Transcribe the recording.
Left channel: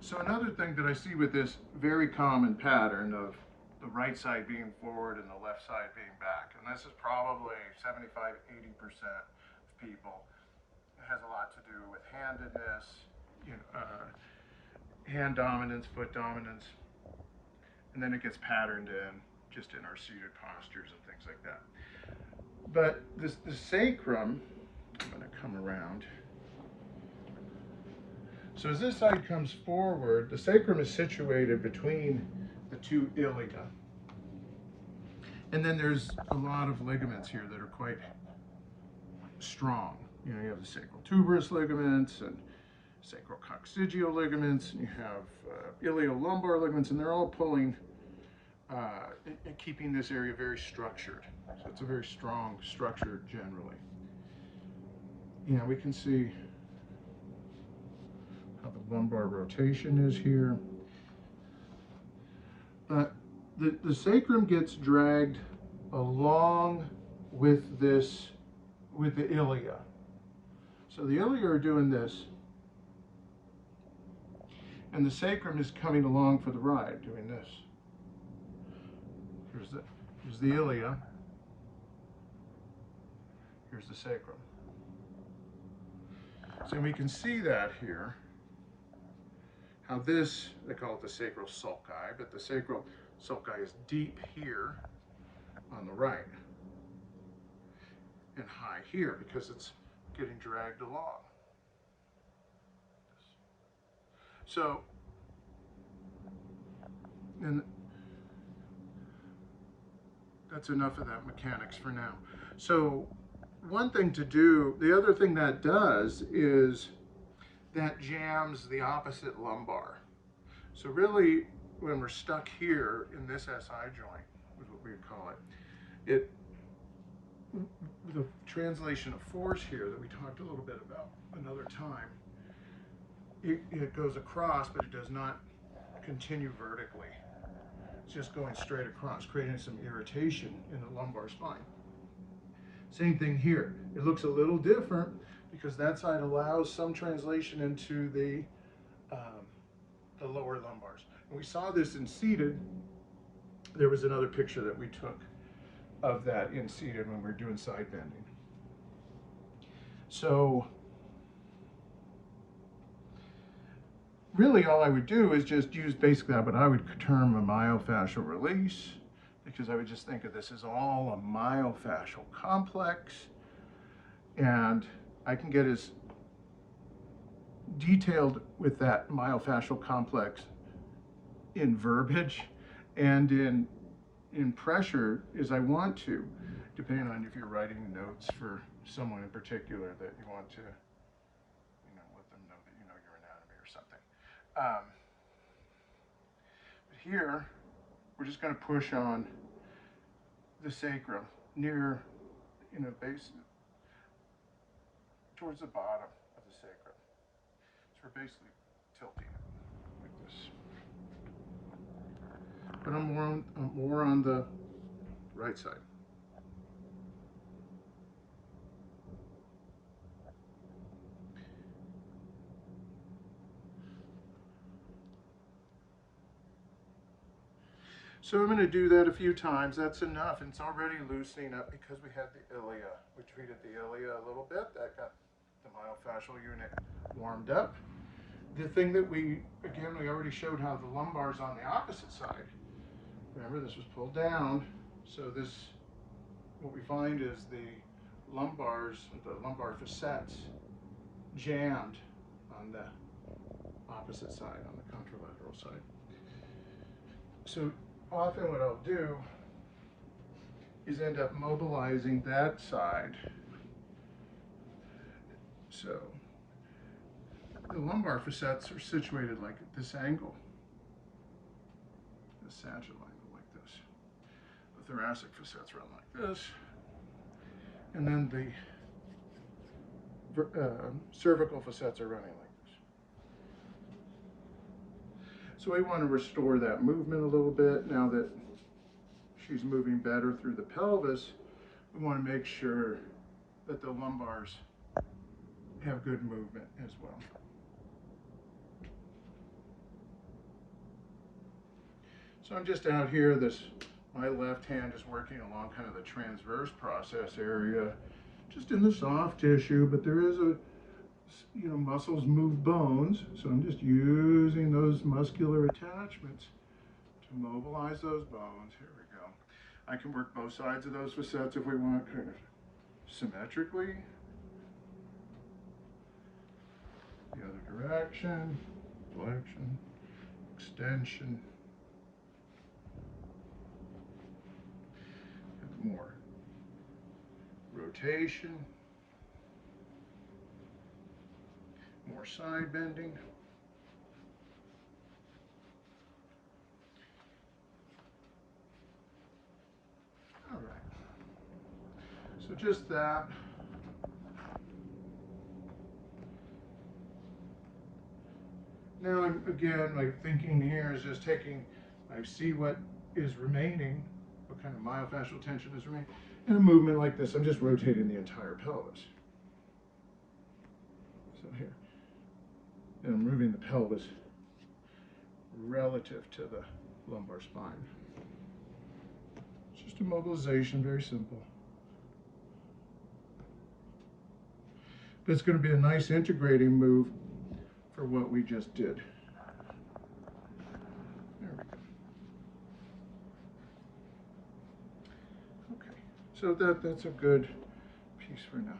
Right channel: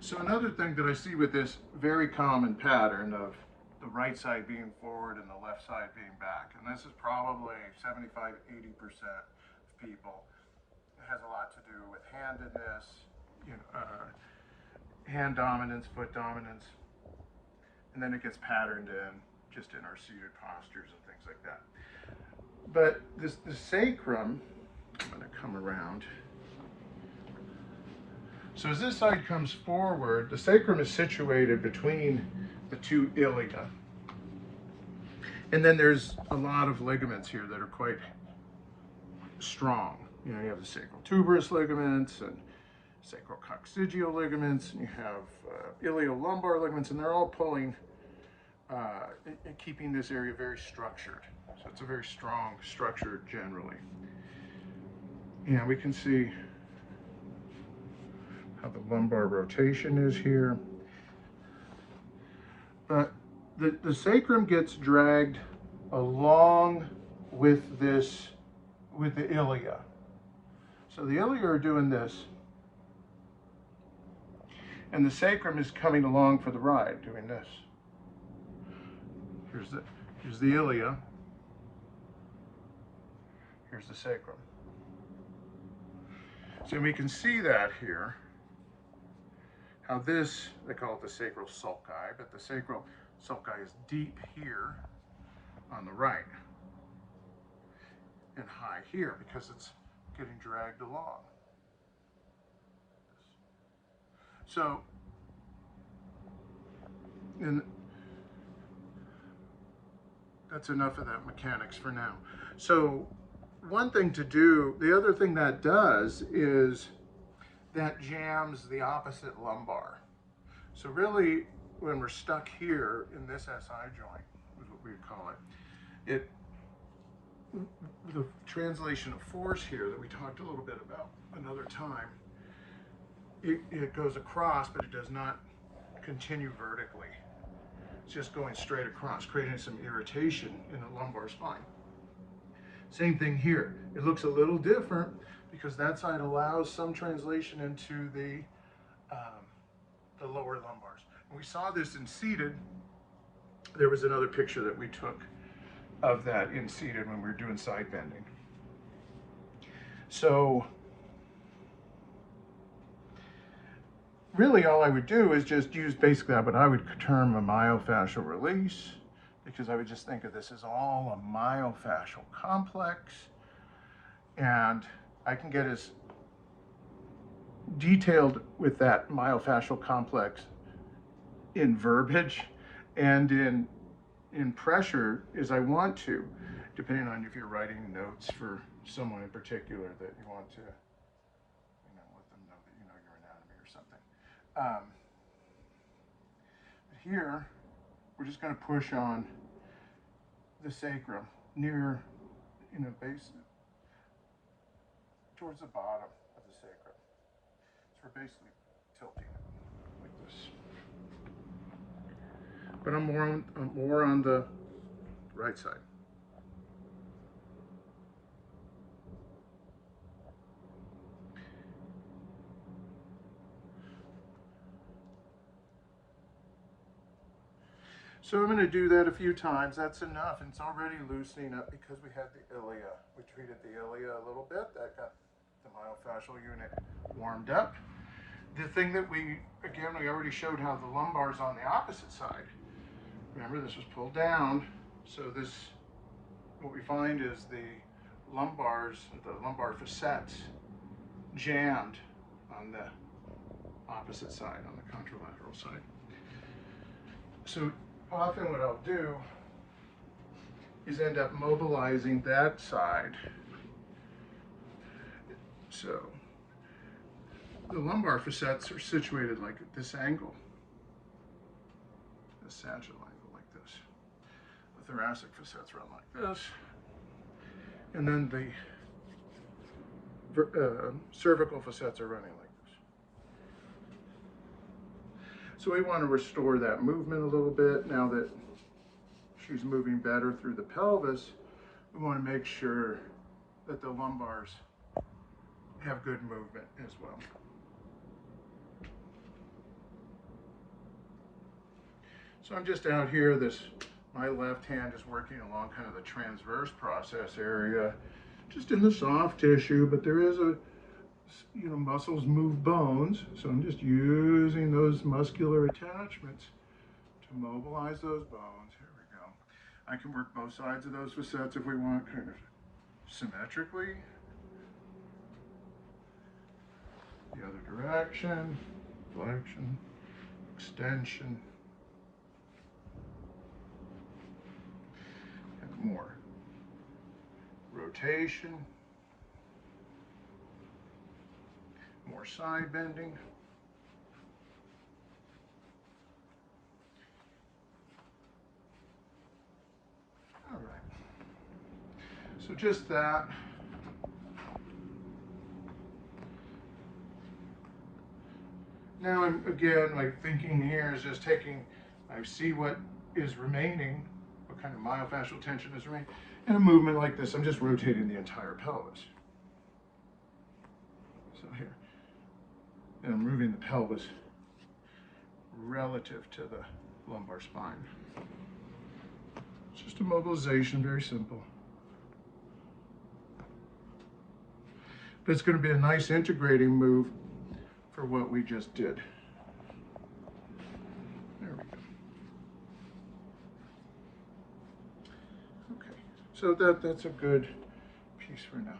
So another thing that I see with this very common pattern of the right side being forward and the left side being back, and this is probably 75–80% of people, it has a lot to do with handedness, hand dominance, foot dominance, and then it gets patterned in just in our seated postures and things like that. But the sacrum, I'm going to come around. So as this side comes forward, the sacrum is situated between the two ilia. And then there's a lot of ligaments here that are quite strong. You know, you have the sacral tuberous ligaments and sacral coccygeal ligaments, and you have ilio-lumbar ligaments, and they're all pulling, keeping this area very structured. So it's a very strong structure generally. And we can see how the lumbar rotation is here. But the sacrum gets dragged along with this, with the ilia. So the ilia are doing this, and the sacrum is coming along for the ride, doing this. Here's the ilia. Here's the sacrum. So we can see that here, how this, they call it the sacral sulci, but the sacral sulci is deep here on the right and high here because it's getting dragged along. So, and that's enough of that mechanics for now. So one thing to do, the other thing that does is that jams the opposite lumbar. So really, when we're stuck here in this SI joint, is what we call it, the translation of force here that we talked a little bit about another time, it goes across, but it does not continue vertically. It's just going straight across, creating some irritation in the lumbar spine. Same thing here. It looks a little different because that side allows some translation into the lower lumbars. And we saw this in seated. There was another picture that we took of that in seated when we were doing side bending. So really all I would do is just use basically what I would term a myofascial release, because I would just think of this as all a myofascial complex, and I can get as detailed with that myofascial complex in verbiage and in pressure as I want to, depending on if you're writing notes for someone in particular that you want to, let them know that you know your anatomy or something. But here, we're just going to push on the sacrum near, base towards the bottom of the sacrum. So we're basically tilting it like this. But I'm more on the right side. So I'm going to do that a few times. That's enough. It's already loosening up because we had the ilia. We treated the ilia a little bit. That got the myofascial unit warmed up. The thing that we already showed how the lumbar is on the opposite side. Remember, this was pulled down. So this, what we find is the lumbar facets jammed on the opposite side, on the contralateral side. So often what I'll do is end up mobilizing that side. So the lumbar facets are situated like at this angle, a sagittal angle like this. The thoracic facets run like this. And then the cervical facets are running like this. So we want to restore that movement a little bit. Now that she's moving better through the pelvis, we want to make sure that the lumbars have good movement as well. So I'm just out here, my left hand is working along kind of the transverse process area, just in the soft tissue, but there is muscles move bones, so I'm just using those muscular attachments to mobilize those bones. Here we go. I can work both sides of those facets if we want, kind of symmetrically. The other direction, flexion, extension, and more. Rotation, more side bending. All right. So just that. Now, again, like thinking here is just taking, I see what is remaining, what kind of myofascial tension is remaining. In a movement like this, I'm just rotating the entire pelvis. So here, and I'm moving the pelvis relative to the lumbar spine. It's just a mobilization, very simple. But it's going to be a nice integrating move for what we just did. There we go. Okay, so that's a good piece for now.